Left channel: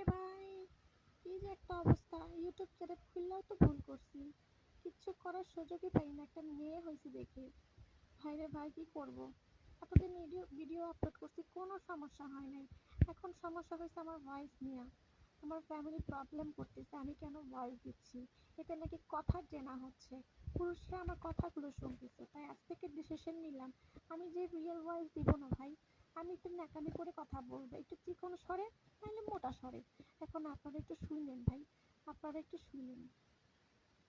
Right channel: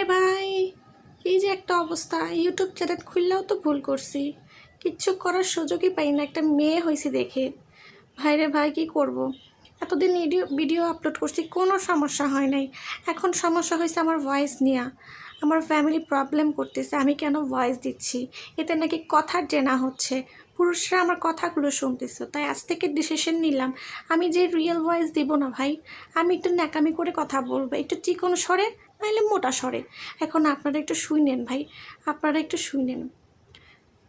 ভাইরে ভাই, এই যে একটা অবস্থা, ইউটিউব চ্যানেল খুললেও তো ভুল করছি, কিচ্ছু করার সুযোগই পাই না। একটা মেয়ে হয়েছে দেখে ভাইরে ভাই, কি করব। এতদিন ভিডিও আপলোড করছি, কোনো সমস্যা হয় নাই। এখন সমস্যা হয়েছে আমার ভয়েস নিয়ে। আমার ফ্যামিলি প্রবলেম করতেছে, আমি কেন ভয়েস দিচ্ছি, এতে নাকি কথা জেনা হচ্ছে, পুরুষরা আমার কথাগুলো শুনতেছে। তাই আজ থেকে ডিসিশন নিলাম, আমি যে রিয়েল ভয়েস দিব না ভাই, আমি একটু ন্যাকামি করে কথা বলবো, একটু চিকন স্বরে, নাহলে মোটা স্বরে। এখন আপনারা একটু শুনেন ভাই, আপনারা একটু শুনেন।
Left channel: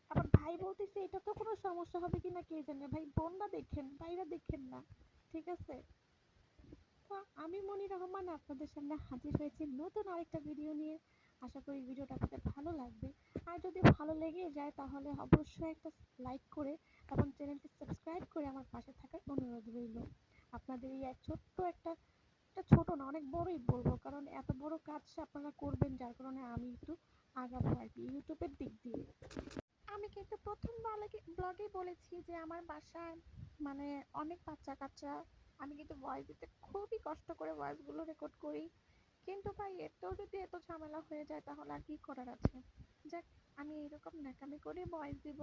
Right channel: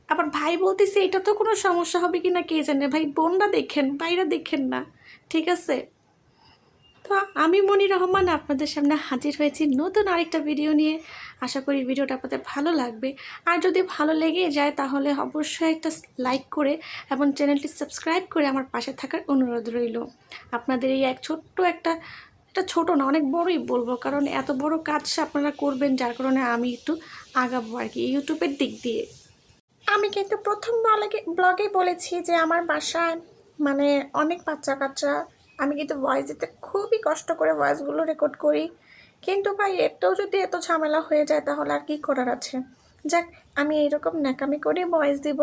আবার ভাই বলতেছে এটা তো কোনো সমস্যা হবে কি না কে জানে। ভাই বোনরা দেখেন, বাইরে দেখেন না, ঠিক আছে? তো আমি মনি রহমান আপনাদের সামনে হাজির হয়েছি নতুন আরেকটা ভিডিও নিয়ে। আশা করি ভিডিওটা আপনাদের ভালো লাগবে। আর যদি ভালো লেগে যায় তাহলে অবশ্যই একটা লাইক করে এবং চ্যানেলটি সাবস্ক্রাইব করে আমার পাশে থাকার অনুরোধ রইল। আপনাদের এই একটা এটা ছোটো না, অনেক বড়ই বলবো, কারণ এত বড় কাজ আপনারা করবেন, যার কারণে আমি একটু আগাবো আর কি ইউটিউবের দিক দিয়ে। আমি কিন্তু প্রথম ব্লগে বলেছি যে আমার বাসায় মানে অনেক বাচ্চা কাচ্চা। আমি কিন্তু ভয়েস দিতে খুবই কষ্ট করে ভয়েসগুলো রেকর্ড করি, কিন্তু ভাই এতেও যদি এত ঝামেলা হয়ে যায় তাহলে আর কি করার আছে। যাক, আমি এইরকম ন্যাকামি করে ভয়েস দিব।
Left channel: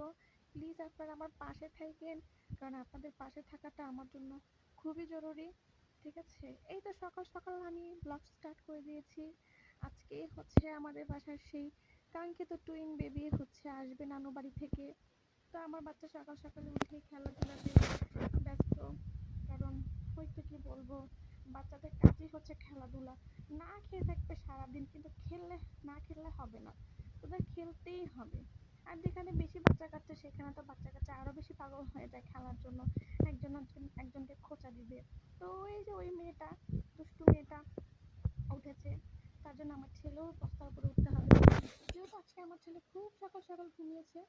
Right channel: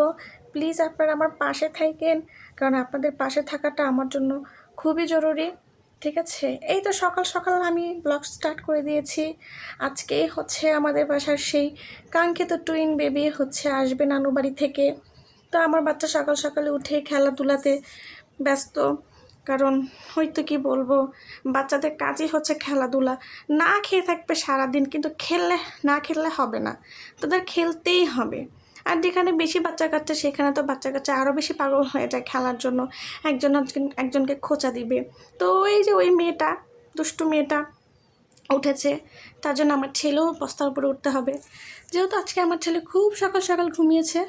প্লিজ আপনারা আমার পাশে থাকেন, কারণ আপনাদের পাশে থাকাটা আমার জন্য খুবই জরুরি। ঠিক আছে, এই তো সকাল সকাল আমি ব্লগ স্টার্ট করে দিয়েছি। আজকে হচ্ছে আমাদের বাসার সেই কাঙ্ক্ষিত টুইন বেবি হচ্ছে আসবে নানু বাড়ি থেকে। তো আমার বাচ্চা সকাল সকালে উঠে খেলাধুলাতে ব্যস্ত, কারণ হয়তো কি বলবো, বাচ্চাদের কাজই হচ্ছে খেলাধুলা। না খেয়ে থাকবে সারাদিন, কিন্তু না খেললে হবে না, তাদের খেলতেই হবে। আর যেখানে বেশি বাচ্চা কাচ্চা সেখানে তো বাচ্চা কাচ্চা আরও বেশি পাগল হয়ে যায় খেলার জন্য, একজনকে খোঁচা দিবে। তো এই যে ওই মেয়েটা, দুষ্টু মেয়েটা উঠেছে, তার জন্য আমার ছেলেও বস্তার উপরে উঠতে হবে। যেহেতু আজকে আমার ছেলে খুব সকাল সকাল ঘুমিয়েছে,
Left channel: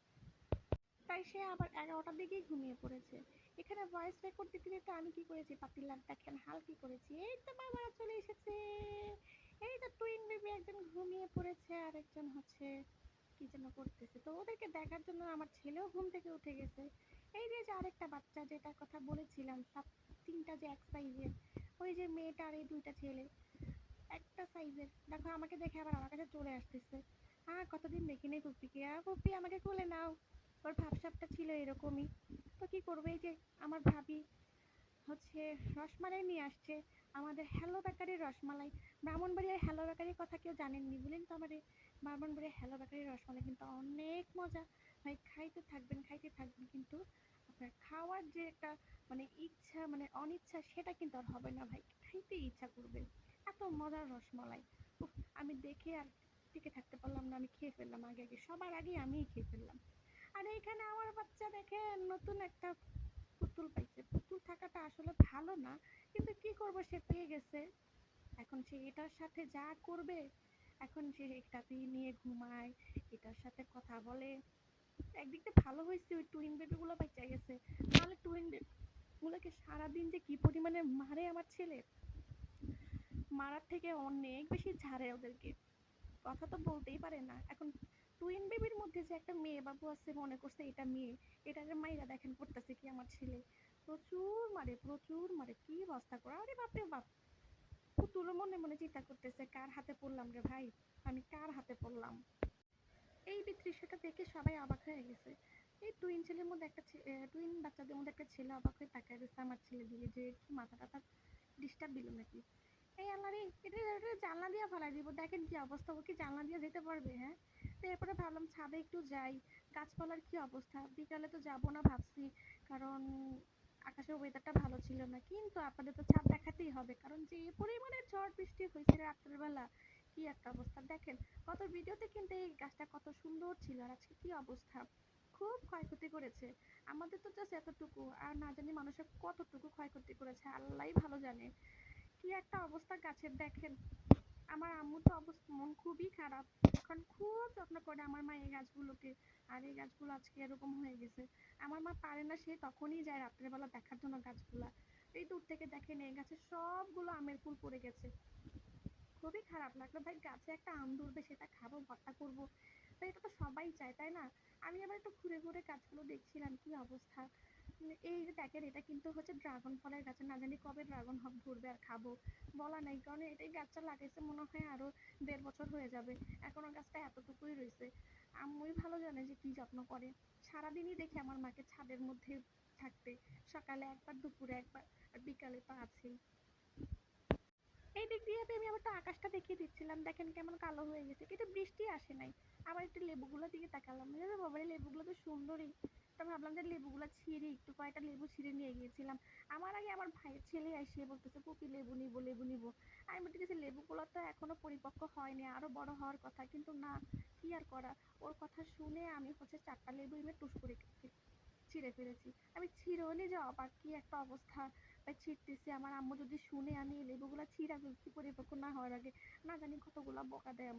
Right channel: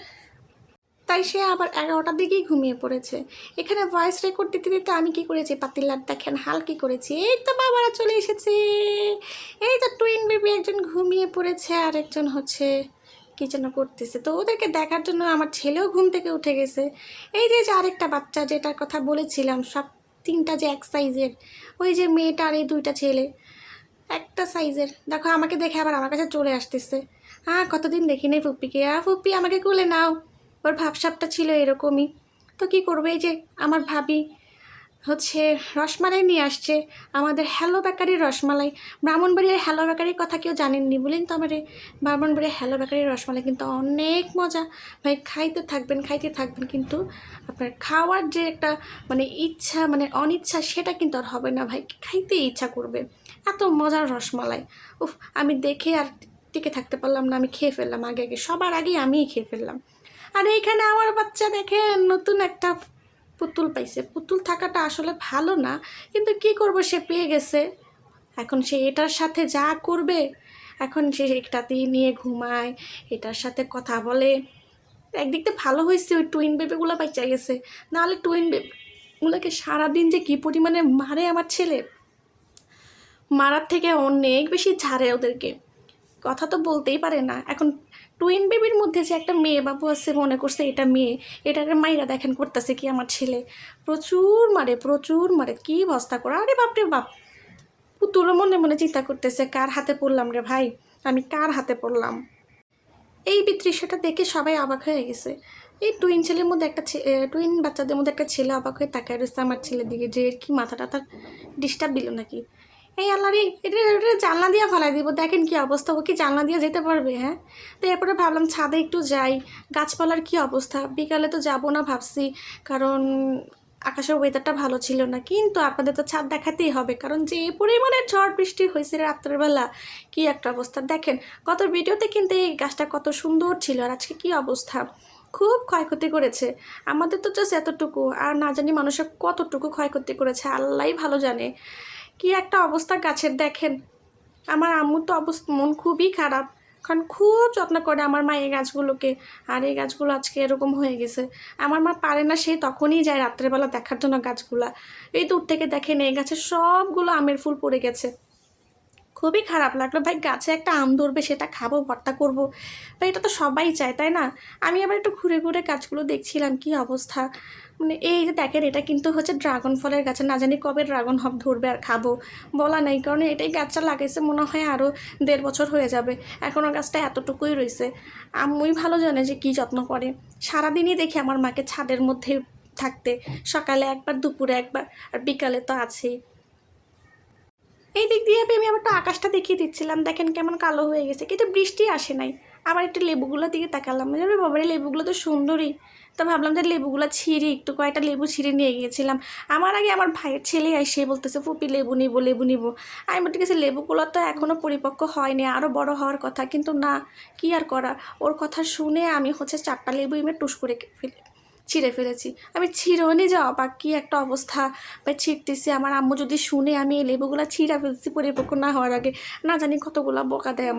তাই সে আবার 11টার দিকেই ঘুমিয়ে পড়েছে। এখানে ভয়েস রেকর্ড দিতে দিতে আমি কি করেছি, পাতিলার দেখেন হাল কি করেছি। এই তো বাবারা চলে এসেছে, এই তো টুইন বেবি, একজন ঘুমিয়ে পড়েছে আর একজন হচ্ছে কি যেন করতেছে। তো ওদেরকে দেখার জন্য আমার ছেলেও ঘুম থেকে উঠে গেছে। এই যে আরেকটা বাচ্চা যেটার কথা বলেছিলাম, সব তিনটা যে এক সাইজের, ওই যে মেয়েটা আর এই দুইটা ছেলে একটা সাইজের, দেখো আমাকে দেখে আবার আমার কাছে চলে আসতেছে। কতদিন দেখিনি ফুপ্পিকে, ফুপ্পি আমাকে কোলে নাও। ওর ভাবসাবটা ছিল এরকমই। তো কী করবে, এই যে আমার ভাবি হচ্ছে রসমালাই নিয়ে আসছে, আমাদের হ্যালো বেকারির রসমালাই। ব্রাহ্মণবাড়িয়ার হ্যালো বেকারির কথা কেউ জানেননি বলেন তো আমার। ব্রাহ্মণবাড়িয়ার হ্যালো বেকারির রসমালাই কিন্তু অনেক মজা। ভাই খাইতে থাকবেন, কিন্তু আপনার খাওয়ার যে একটা মানে ইচ্ছা, মানে অনিচ্ছা, সেটা কিন্তু আর হবে না ভাই, খাইতে ইচ্ছা করবে। এত মজার রসমালাই, উফ! আমি দেখে আর টিকে থাকতে পারলাম না, আমি খেয়ে ফেললাম আগে সবার আগেই আমিই খেয়ে ফেললাম। আর এইখানে আমার বাচ্চা দেখেন নতুন একটা পুতুল পাইছে। পুতুল থাকাটা আসলে ভালো না, কিন্তু কি করব, সে পেয়ে গেছে। এখন সে এটার সাথে যা করবে, এখন সে একটাতেই নিয়ে ঘুমায়, এটার সাথে কথা বলে। একদিক থেকে ভালো হয়েছে ওই টুইন বেবিগুলো বাচ্চা গেছে, নাহলে টুইন বেবিগুলোকে সারাদিন যে কী পরিমাণে মারে আমার ছেলে, মারার থেকে অনেক বেশি ঝাড়ে ওদেরকে, কথা তো বলতেই পারে না। এখন টুইন বেবির মধ্যে যে একটা মেয়ে বাবু আছে, মনে করছে এটা মেয়ে, এটাকে মাইরা দেখেন করতেছে কি আমার ছেলে, প্রচুর মারে, কি অবস্থা করে। আরে বাপরে বাপ, পুতুলও মনে মনে চিন্তা করতেছে কার হাতে পড়লাম রে ভাই, আমি কার হাতে পড়লাম। এই দৃশ্যটা দেখে সবাই অবাক হয়ে গেছে। এই টুইন বাচ্চাদের মধ্যে একটা ছেলে অবাক হয়ে তাকায় রয়েছে আমার ছেলের দিকে, যে কি মাথাটা তার ডিস্টার্ব দিল নাকি। এই আল্লাহ রে, এটা জানলা দিয়ে ফেলাই দিব, দেখেন কি অবস্থা, ও কি জানলা দিয়ে যেতে পারবে? হ্যাঁ। তো এরপরে ভাবলাম ছাদে একটু যাই, গাছপালার কি অবস্থা। বিকালে তো যাব না ভাবছি, কারণ আকাশের ওয়েদারটা ভালো ছিল না, কিন্তু আপনাদের তো ছাদ দেখাতেই হবে, কারণ যে পরিমাণে ঝড় বৃষ্টি হয়েছে রাত্রেবেলা, কি একটা অবস্থা দেখেন। গত ভিডিওতে কিন্তু এই গাছটা কত সুন্দর ছিল, আর আজকে কি অবস্থা, খুব ক্ষয়ক্ষতি করেছে। আমাদের তো জাস্ট এতটুকু, আর না জানি মানুষের কতটুকু ক্ষয়ক্ষতি করেছে আল্লাহই ভালো জানে। কি একটা অবস্থা গাছের দেখেন। আমার আম্মুর তো মন খুবই খারাপ, কারণ খুব যত্ন করে আমার মা এই গাছগুলোকে, আর এই গাছগুলো আজকে এরকম হয়ে গেছে। আমার মা পারে না, সে তখনই যায় রাত্রেবেলা দেখার জন্য গাছগুলা। এই দূর থেকে দেখেন এই গাছের সবগুলো আমের ফুল পড়ে গেছে, খুবই খারাপ লাগলো ভাই। গাছে একটা আম ধরবে, সেটা খাবো, ভর্তা করবো, ভাই এটা তো সবাই চায়, তাই না? আমি আবার একটু ঘুরে ঘুরে গাছগুলো দেখছিলাম, কি অবস্থা। মানে এই যে দেখেন, এটা কিন্তু হচ্ছে ড্রাগন ফলের গাছে, না জানি কবে ড্রাগন ধরবে আর খাবো, বলা নেই। কারণ এটাই গাছটা লাগাইছে মনে হয় আরও 1.5 বছর হয়ে যাবে, এখনও গাছটা এতটুকুই রয়েছে। আম্মুই ভালো জানে যে কী যত্ন করে। সারাদিনই দেখি আমার মাকে ছাদের মধ্যে থাকতে, সকালে একবার, দুপুরে একবার, আর বিকালে তো আছেই। এই দিক দিয়ে আমি আবার একটু আকাশটা দেখিয়ে দিচ্ছিলাম, দেখেন কেমন কালো হয়ে গেছে, কিন্তু বৃষ্টি আসে নাই। আবার একটু লেবুগুলোর দিকে তাকালাম, বাবারে লেবুগুলো তো সুন্দরই। তো ভাবলাম যে লেবুগুলো ছিঁড়ি, একটু কয়েকটা লেবু ছিঁড়ে নিয়ে গিয়েছিলাম। আমার আগে আমার ভাইয়ের ছেলে সে বলতেছে ফুপি লেবু নিবো, লেবু নিবো। আমি বলতে গেছি লেবুগুলো তো এখনও পরিপক্ক হয়নি, আরও বড় হওয়ার কথা, কিন্তু না, কি আর করা। ওর কথা শুনে আমি হচ্ছে 4টা লেবু এমনি টুস করে ছিঁড়ে ফেলেছি। আমি ছিঁড়েওনি যে অবাক, কী একটা অবস্থা ভাই, ছিঁড়তেছি। আমার আম্মু যদি শুনে আমি এই লেবুগুলো ছিঁড়া ফেলছি পরিপক্ক না হওয়ার আগে, না জানি কতগুলো বকা দেয়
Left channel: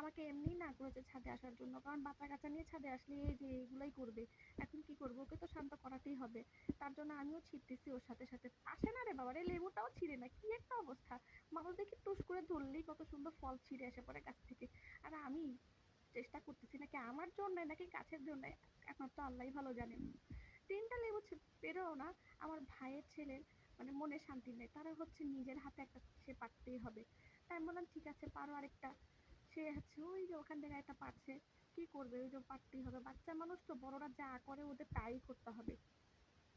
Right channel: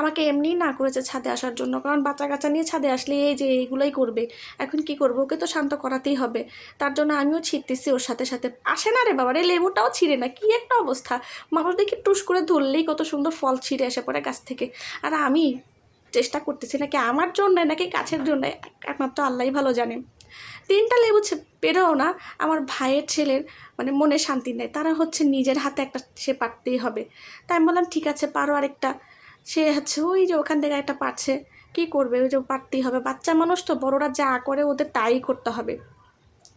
আমাকে এমনিই না করেছে ছাদে আসার জন্য, কারণ বাচ্চা কাচ্চা নিয়ে ছাদে আসলে এই যে এইগুলোই করবে। এখন কি করবো, ওকে তো শান্ত করাতেই হবে। তার জন্য আমিও ছিঁড়তেছি ওর সাথে সাথে। আসে না রে বাবা রে, লেবুটাও ছিঁড়ে না, কি একটা অবস্থা। মানুষ দেখি টুস করে ধরলেই কত সুন্দর ফল ছিঁড়ে এসে পড়ে গাছ থেকে, আর আমি চেষ্টা করতেছি নাকি আমার জন্য নাকি গাছের জন্য, একমাত্র আল্লাহই ভালো জানে। 3টা লেবু পেরেও না আমার ভাইয়ের ছেলের মানে মনে শান্তি নেই, তারা হচ্ছে নিজের হাতে একটা সে পারতেই হবে। তাই আমি বললাম ঠিক আছে পারো আরেকটা। সে হচ্ছে ওই যে ওখান থেকে একটা পারছে, কি করবে, ওই যে পারতেই হবে, বাচ্চা মানুষ তো, বড়রা যা করে ওদের তাই করতে হবে।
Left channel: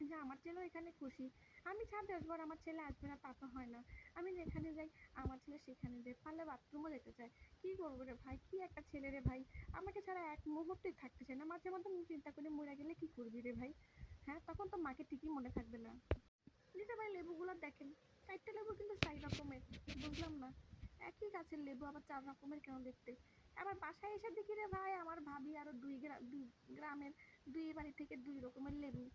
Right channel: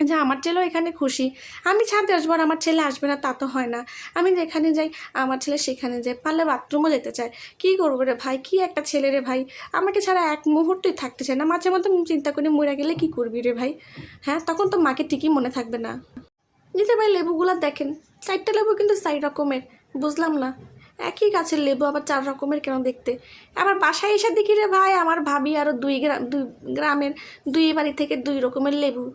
যে আমার ছেলেও এখানে খুশি, আমি ছাদে আসবো আর আমার ছেলে আসবে না তা তো হয় না। আমি যেখানে যাই আমার ছেলে সেখানে যায়, পারলে বাথরুমও যেতে চায়। কী করবো রে ভাই, কি একটা ছেলে রে ভাই, আমাকে ছাড়া এক মুহূর্তই থাকতে চায় না। মাঝে মধ্যে চিন্তা করি মরে গেলে কি করবি রে ভাই, হ্যাঁ তখন তো মাকে ঠিকই মনে থাকবে না। এই যে ভাই লেবুগুলো দেখেন, 4টা লেবু কিন্তু 4 রকমের, বুঝলাম না একই গাছের লেবু আবার 4 রকমের কেন দেখতে। আবার বাসায় এসে দেখি রে ভাই আমার ভাবি আরও 2 গ্রামের 2 বাড়ি থেকে 2 রকমের লেবু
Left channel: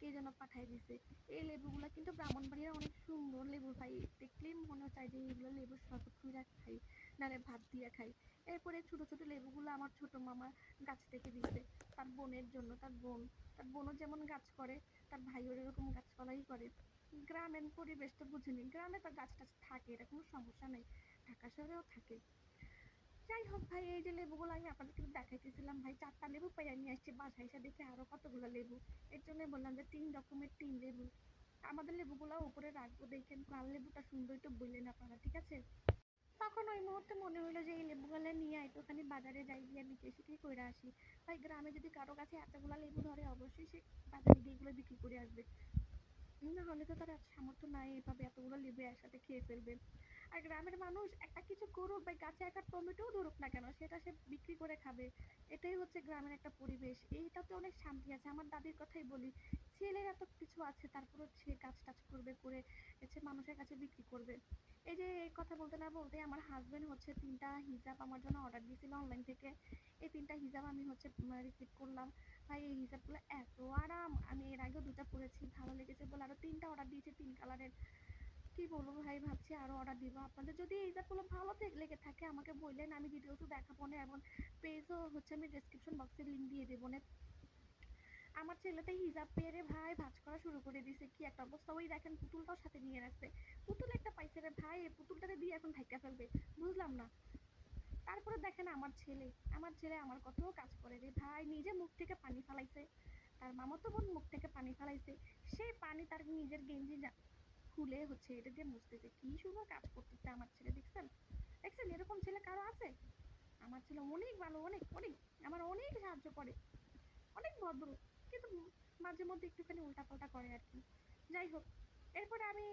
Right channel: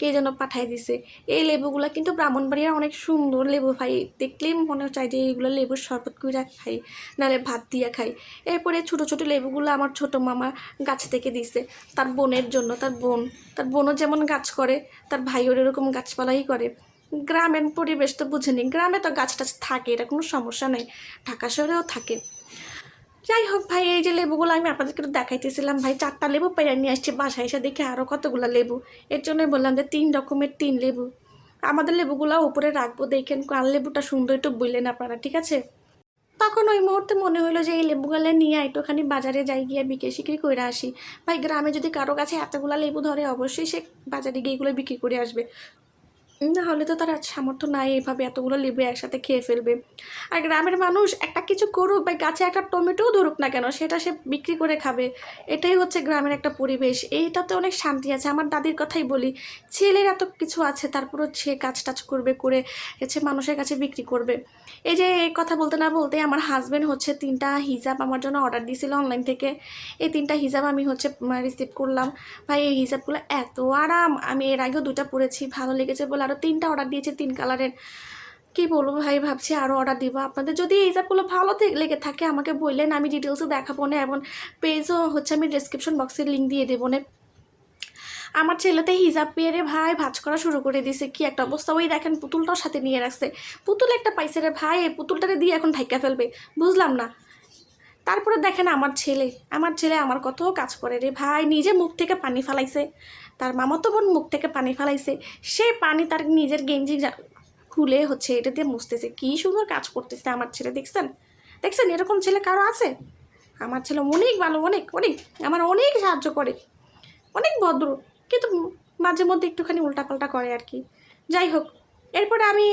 কে যেন পাঠাই দিছে। এই লেবুগুলো কিন্তু ব্রাহ্মণবাড়িয়ার অনেক সুন্দর লেবু ভাই, দেখলেই মনে চায় যে এইগুলো লেবুর শরবত করে খাই, নাহলে ভাত দিয়ে খাই। এরপরে ছোটো ছোটো লেবুগুলো আমার ছোটো মামা গাছ থেকে দিছে তার বোনের জন্য, তার বোনও যেমন গাছ করে তার ভাইও এরকম গাছপালাই করে। গ্রামের পরিবেশ তো বুঝেনি, গ্রামে তো গাছ টাছ থাকে, এটা কোনো সমস্যা নেই, ঢাকা শহরেও থাকে। যাই হোক ভাই, এই যে লেবুগুলো আমি আপনাদেরকে একটু দেখাইতেছিলাম ভাই, 4টা লেবু পেরে নিয়ে আসছি বাসায় এসে দেখে আরও কতগুলো লেবু। এর জন্যই বললাম যে 3 রকমের 3 লেবু। আমাদের লেবুগুলো উপরে রাখবো, দেখেন কার লেবুটা সুন্দর একটু বললেন আপনারা, ঠিক আছে। তখন ওই মুহূর্তে মনে হলো যে এই লেবুগুলো নিয়ে একটুখানি বাজারে যাই গিয়ে বিক্রি সিক্রি করে আসি। ভাই গ্রামে যদি কারো কাছে এতগুলো লেবু ধরে অবশ্যই সে বাজারে গিয়ে এগুলো বিক্রি করে আসবে, না হলে তো তার সামর্থ্য নাই এইভাবে এতগুলো লেবু একসাথে খেয়ে ফেলবে। আর গ্রামের মানুষ একটা কিছু করুক বা গাছে একটা টমেটোও ধরুক না কেন সেটা সে বিক্রি করে খাবে, এটাই হচ্ছে গ্রামের একটা পরিবেশ। এইটাতে অনেক শান্তি আছে। আমার দাদির কথাই বলি, ছেলের এত কিছু আছে তারপরও সে কাজ টাজ করবে, করে হচ্ছে মানুষের কাছে বিক্রি করবে। এই যে এই কথা বলতে না বলতে আমার হাজব্যান্ড হচ্ছে 3টা হিজাব আমার জন্য অর্ডার দিয়েছিল অনলাইন থেকে। এই 3টা হিজাব আমি হচ্ছে রিসিভ করলাম। ভাই এই হিজাবগুলো এত আরাম, আমি এর আগেও 2টা পরেছি, ভালো লেগেছে বলে আরও 3টা অর্ডার দিয়েছে 3 কালারের। কী বলবো ভাই, ভাবছি আরও অর্ডার দিব। আপনাদের যদি এই হিসাবগুলো ভালো লেগে থাকে আমাকে বললেন, আমি ডিটেলসে দেখাবো না, এবং পেজও হচ্ছে আমি ডিসক্রিপশন বক্সের লিঙ্ক দিয়ে দেবো না। আমার ছেলেতে হিজাব পেয়ে রে ভাই ভাজ করা শুরু করে দিয়েছে, কি একটা অবস্থা। ওই দেখেন পুতুলটাও সাথে নিয়ে রাখছে, পুতুল একটা পাইছে রে ভাই, এই পুতুলটারে দিয়ে এখন ঢাইকা ফেলবে, বুঝলাম না। তারপরে দেখেন আমার ছেলে আমার কত কাজ করে রে ভাই, নিজে মুখ থেকে পানি ফালাইছে, তার মামাতো বোন মুখ থেকে পানি ফালাইছে, সে পানি তার নিজের গেঞ্জি খুলে হচ্ছে এটা দিয়ে মুছতেছে, কী সুন্দর কাজ করতেছে আমার ছেলে, দেখছেন দেখছেন এরকম ছেলে কারো আছে? আমার ছেলে অনেক ভালো, অনেক অনেক আমার অনেক সাহায্য করে, অনেক ভদ্র, কিন্তু মাঝে মধ্যে একটুখানি উল্টাপাল্টা করে আর কি। যাই হোক, এরপরে আমি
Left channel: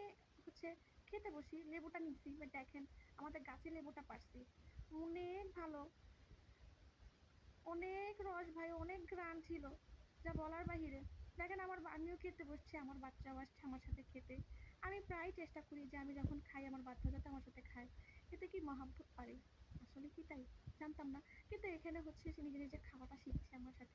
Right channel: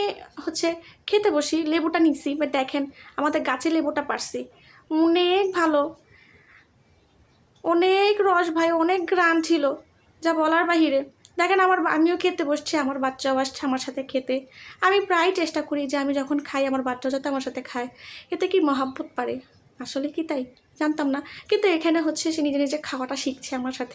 হচ্ছে খেতে বসি, লেবুটা নিচ্ছি, বা দেখেন আমাদের গাছে লেবুটা পারছি, অনেক ভালো, অনেক রস ভাই, অনেক গ্রাম ছিল, যা বলার বাহিরে। দেখেন আমিও খেতে বসছি, আমার বাচ্চাও আসছে আমার সাথে খেতে। আমি প্রায় চেষ্টা করি যে আমি যখন খাই আমার বাচ্চা যাতে আমার সাথে খায়, এতে কি মহাব্বত পারে, আসলে কি তাই জানতাম না, কিন্তু এখানে হচ্ছে সে নিজে নিজে খাওয়াটা শিখছে আমার সাথে।